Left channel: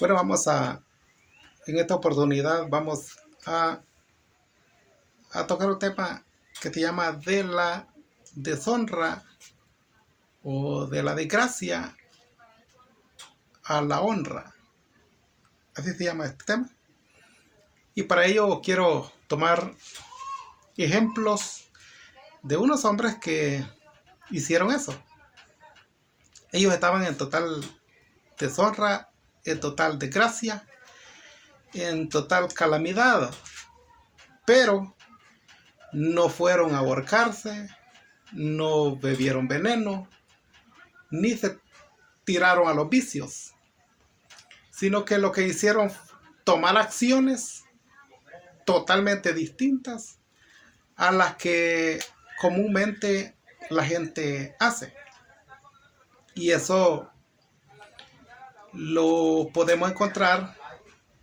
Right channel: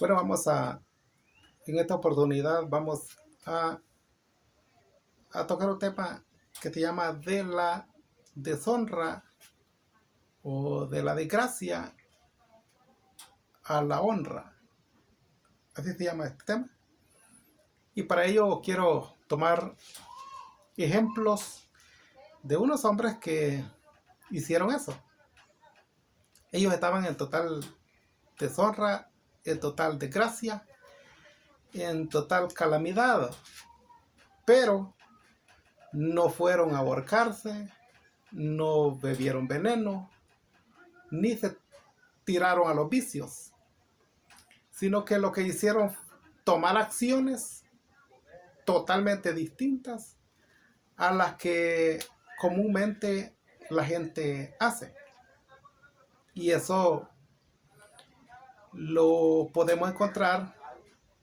Bueno, en esta oportunidad vamos a tocar un tema que se llama de la deshonra o de la desgracia a la honra. Así se llama este tema. Y para ello quiero tomar ejemplos de unos hombres que hicieron eso. Ellos estaban en total deshonra, en total desgracia, en total calamidad, pero no fueron a ahorcarse, no bebieron veneno, ni se tiraron a los vicios, sino que lo que hicieron tomar acciones totalmente distintas a las que comúnmente la gente hace. Y eso lo podemos encontrar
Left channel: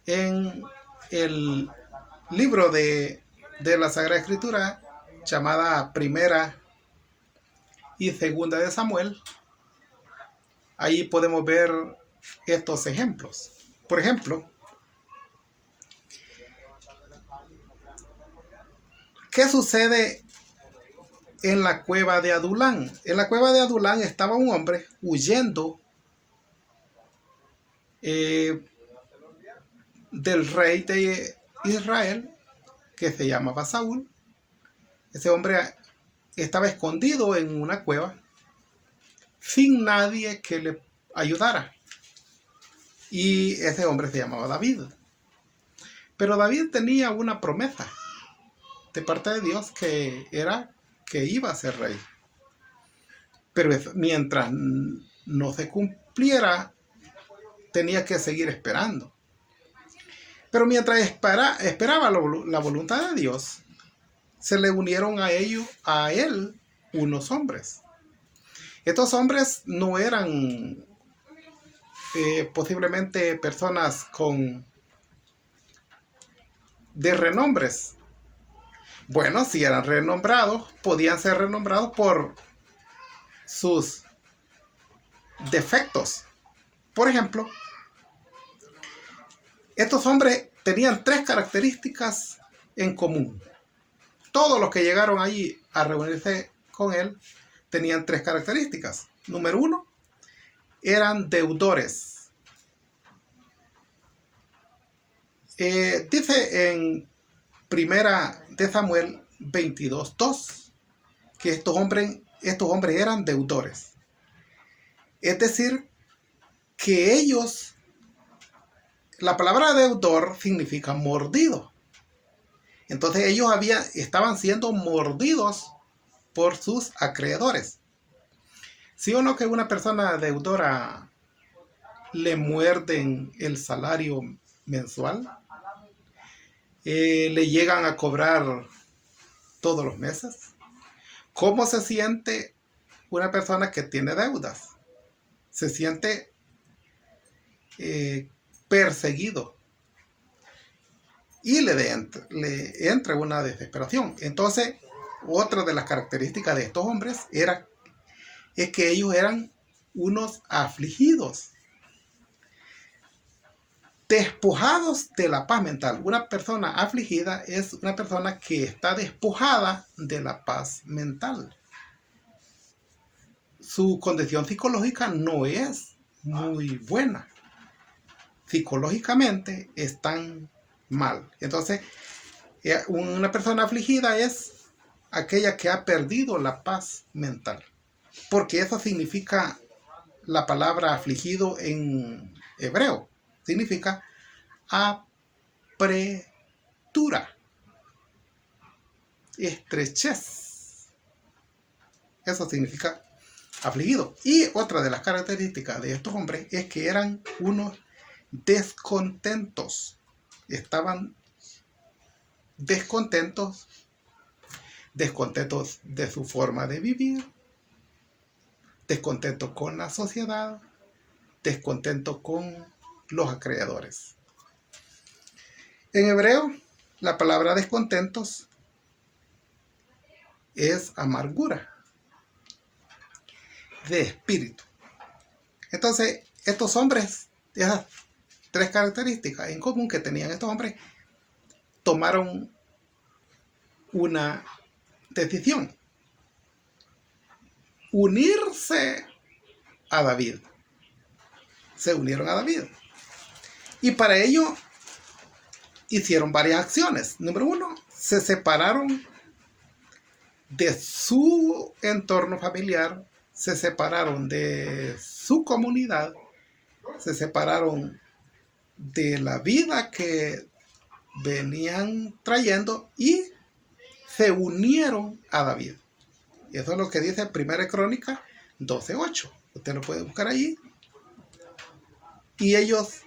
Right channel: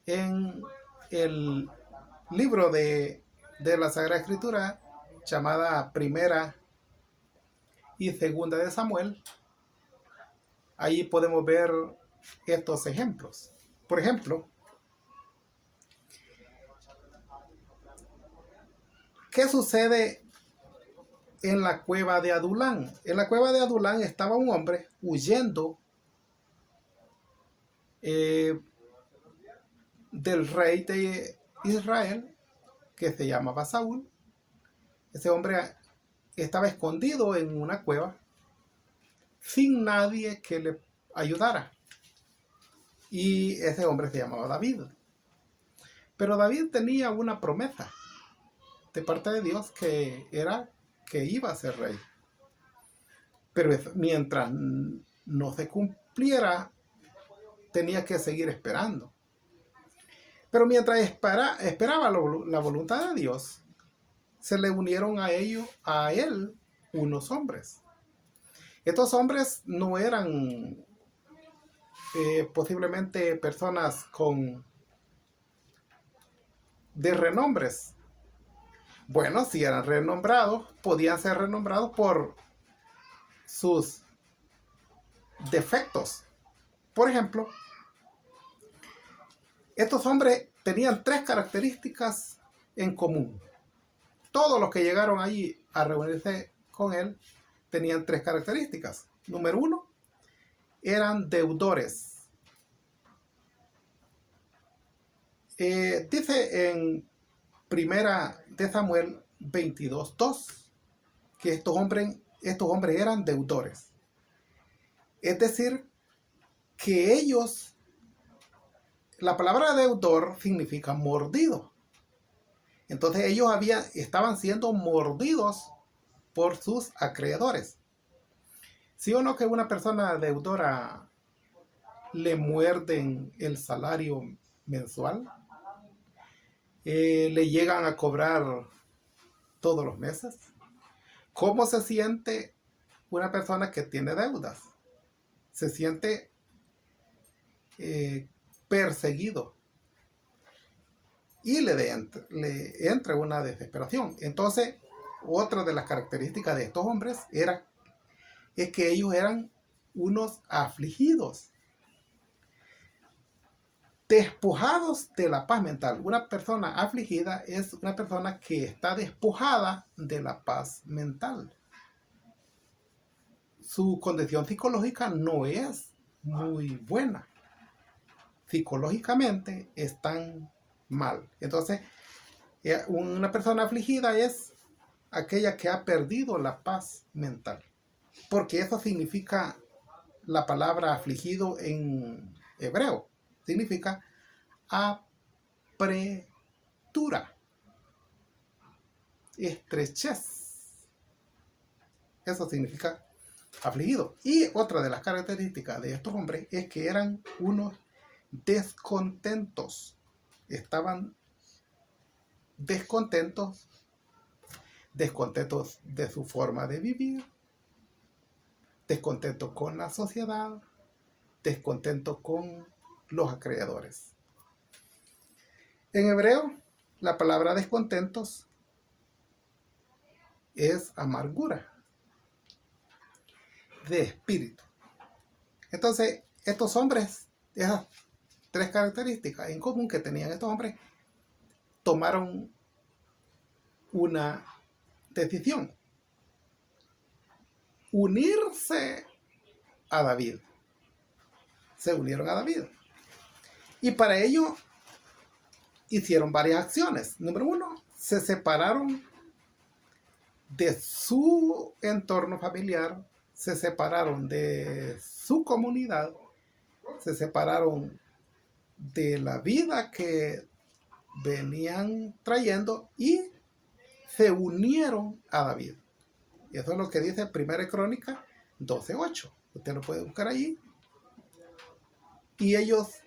en el libro de la Sagrada Escritura llamada Primera y Segunda de Samuel. Ahí podemos ver estos ejemplos. Por ejemplo, ¿qué sucede en la cueva de Adulán? En la cueva de Adulán estaba un hombre huyendo del rey de Israel que se llamaba Saúl. Ese hombre estaba escondido en una cueva sin nadie que le ayudara. Y ese hombre se llamaba David. Pero David tenía una promesa de parte de Dios que era que iba a ser rey. Pero mientras no se cumpliera, tenía que seguir esperando. Pero mientras esperaba la voluntad de Dios, se le unieron a él unos hombres. Estos hombres no eran posiblemente personas de renombres. Bueno, si eran renombrados, podían ser renombrados por sus defectos. Por ejemplo, estos hombres tenían 3 características en común. Todos los que llegaron allí a reunirse con él tenían 3 características. Número 1, eran deudores. Dice en Primera de Samuel 22:2 que estos hombres eran deudores. Es decir, que ellos, la palabra deudor significa mordido. Entonces ellos estaban siendo mordidos por sus acreedores. ¿Sí o no que una persona deudora le muerden el salario mensual? ¿Le llegan a cobrar todos los meses? ¿Cómo se siente una persona que tiene deudas? Se siente perseguido y le entra una desesperación. Entonces, otra de las características de estos hombres es que ellos eran unos afligidos, despojados de la paz mental. Una persona afligida es una persona que está despojada de la paz mental. Su condición psicológica no es muy buena. Psicológicamente están mal. Entonces, una persona afligida es aquella que ha perdido la paz mental. Porque eso significa la palabra afligido en hebreo. Significa apretura, estrechez. Eso significa afligido. Y otra de las características de estos hombres es que eran unos descontentos. Estaban descontentos de su forma de vivir, descontentos con la sociedad, descontentos con los acreedores. En hebreo, la palabra descontentos es amargura de espíritu. Entonces, estos hombres, esas tres características en común que tenían estos hombres. Tomaron una decisión: unirse a David. Se unieron a David. Y para ello hicieron varias acciones. Número uno, se separaron de su entorno familiar, se separaron de su comunidad, se separaron de la vida que venían trayendo y se unieron a David. Y eso es lo que dice 1 Crónica 12:8. Usted lo puede buscar allí. Y ellos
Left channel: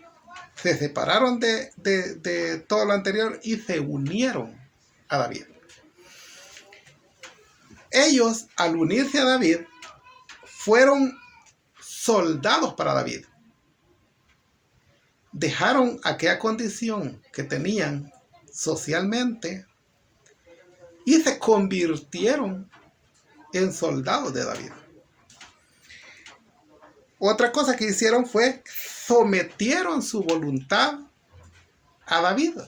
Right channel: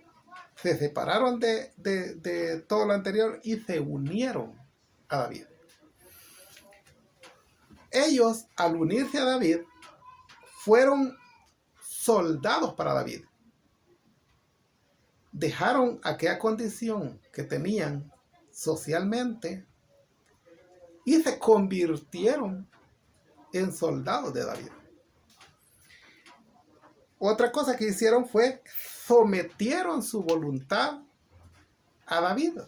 se separaron de todo lo anterior y se unieron a David. Ellos, al unirse a David, fueron soldados para David. Dejaron aquella condición que tenían socialmente y se convirtieron en soldados de David. Otra cosa que hicieron fue sometieron su voluntad a David.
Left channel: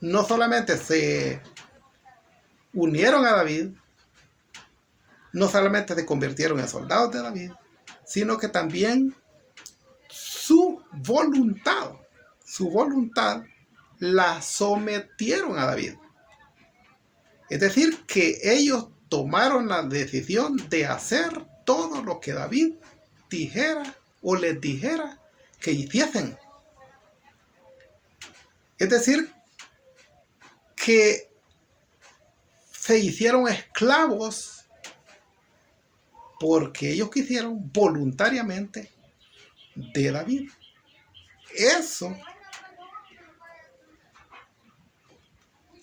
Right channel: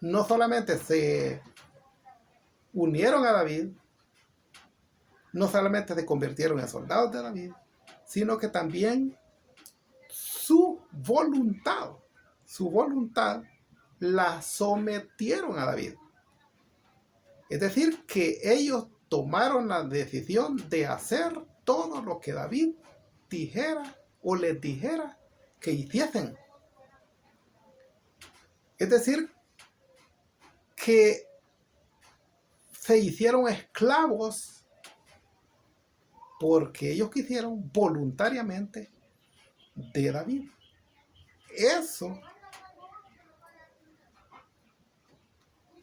No solamente se unieron a David, no solamente se convirtieron en soldados de David, sino que también su voluntad la sometieron a David. Es decir, que ellos tomaron la decisión de hacer todo lo que David dijera o les dijera que hiciesen. Es decir, que se hicieron esclavos porque ellos quisieron voluntariamente de David.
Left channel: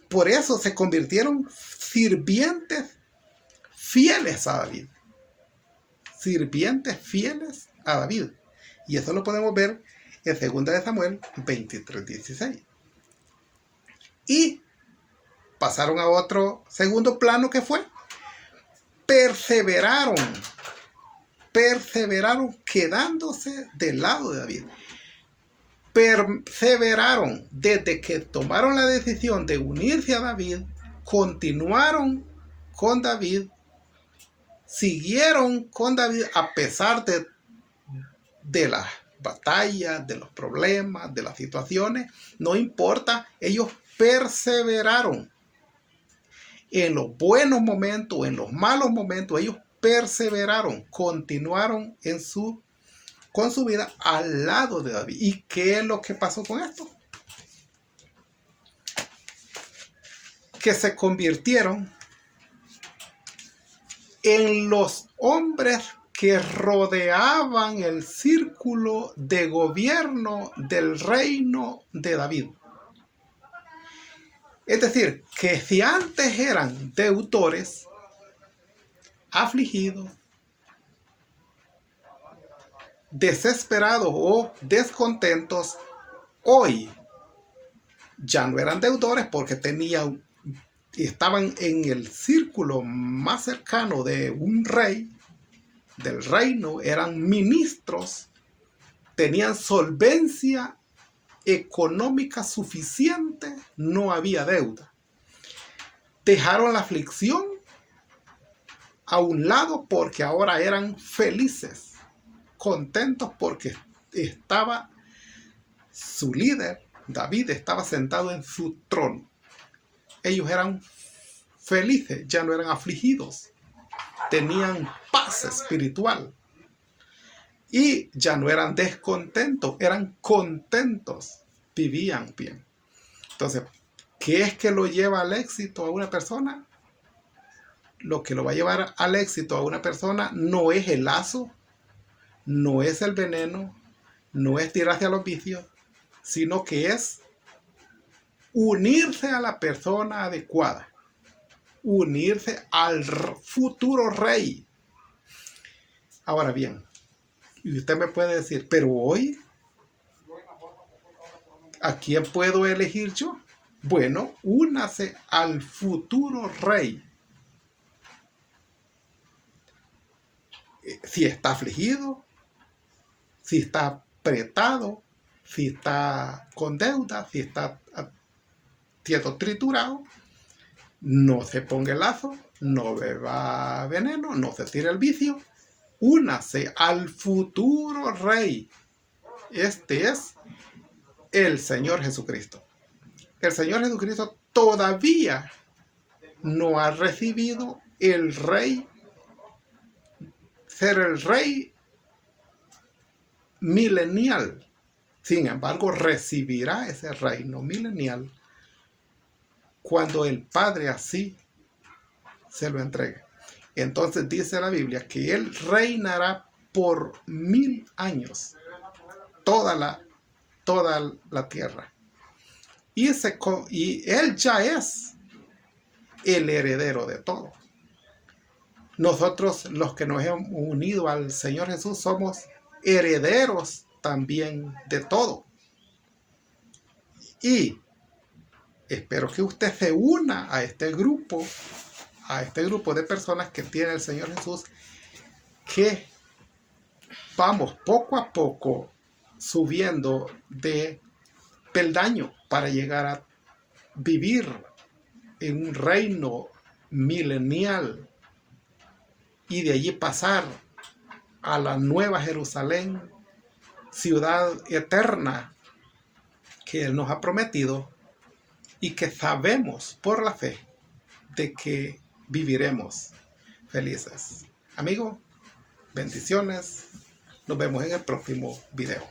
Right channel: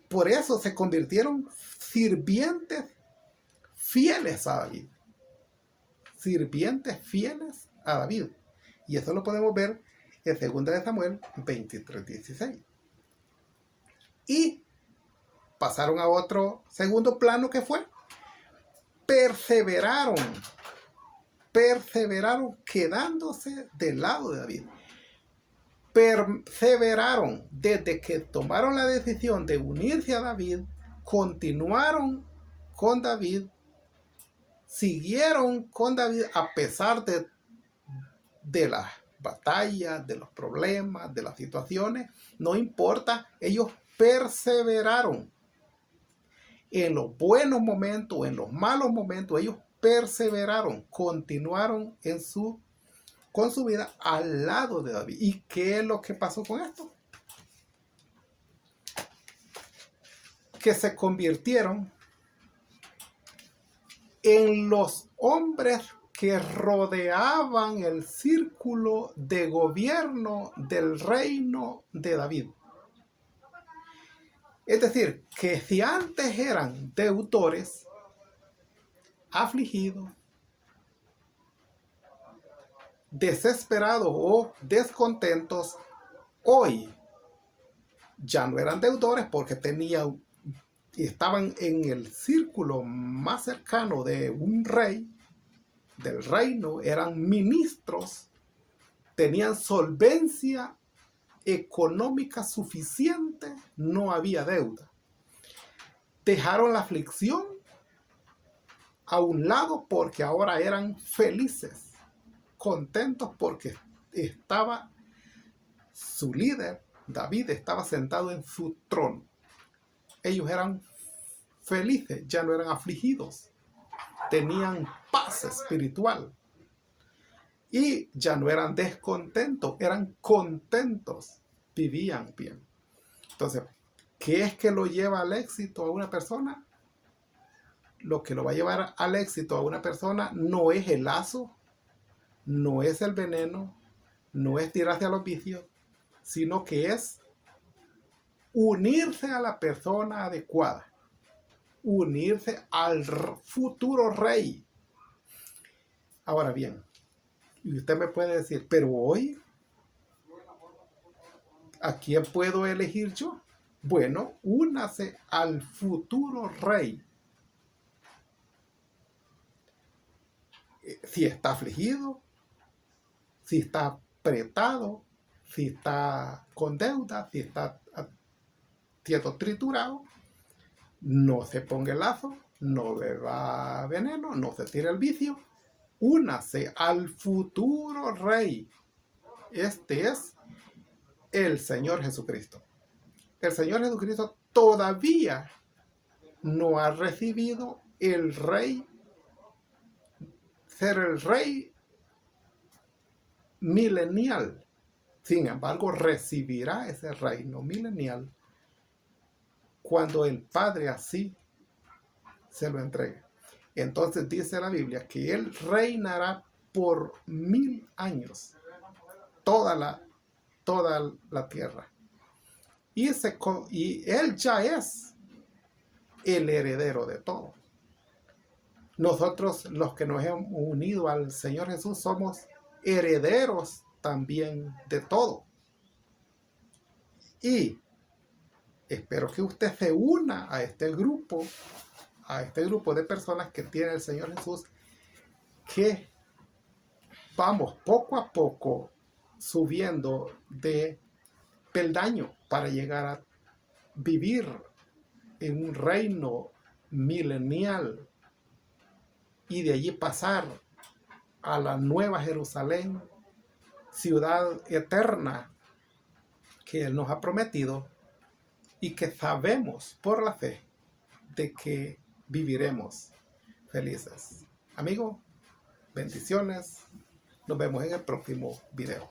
Por eso se convirtieron sirvientes fieles a David. Sirvientes fieles a David. Y eso lo podemos ver en 2 Samuel 23:16. Y pasaron a otro segundo plano que fue: perseveraron quedándose del lado de David. Perseveraron desde que tomaron la decisión de unirse a David, continuaron con David, siguieron con David a pesar de las batallas, de los problemas, de las situaciones. No importa, ellos perseveraron. En los buenos momentos, en los malos momentos, ellos perseveraron, continuaron con su vida al lado de David. ¿Y qué es lo que pasó con esto? Que se convirtieron en los hombres que rodeaban el círculo de gobierno del reino de David. Es decir, que si antes eran deudores, afligidos, desesperados o descontentos, hoy ya no eran deudores porque estaban en el círculo más cercano de un rey, del reino, eran ministros, tenían solvencia económica suficiente, no había deuda. Dejaron la aflicción a un lado porque ahora eran felices, contentos porque estaba su líder, David, estaba sentado en su trono. Ellos eran felices, ya no eran afligidos, tenían paz espiritual y ya no eran descontentos, eran contentos, vivían bien. Entonces, ¿qué es que lo lleva al éxito a una persona? Lo que lo va a llevar al éxito a una persona no es el lazo, no es el veneno, no es tirarse a los vicios, sino que es unirse a la persona adecuada, unirse al futuro rey. Ahora bien, y usted me puede decir, pero hoy, ¿a quién puedo elegir yo? Bueno, únase al futuro rey. Si está afligido, si está apretado, si está con deuda, si está siendo triturado, no se ponga el lazo, no beba veneno, no se tire el vicio, únase al futuro rey. Este es el Señor Jesucristo. El Señor Jesucristo todavía no ha recibido el rey, ser el rey milenial. Sin embargo, recibirá ese reino milenial cuando el Padre así se lo entregue. Entonces dice la Biblia que Él reinará por 1000 años toda la tierra. Y Él ya es el heredero de todo. Nosotros, los que nos hemos unido al Señor Jesús, somos herederos también de todo. Y espero que usted se una a este grupo de personas que tiene el Señor Jesús, que vamos poco a poco subiendo de peldaño para llegar a vivir en un reino milenial y de allí pasar a la nueva Jerusalén, ciudad eterna que Él nos ha prometido y que sabemos por la fe de que viviremos felices. Amigo, bendiciones. Nos vemos en el próximo video.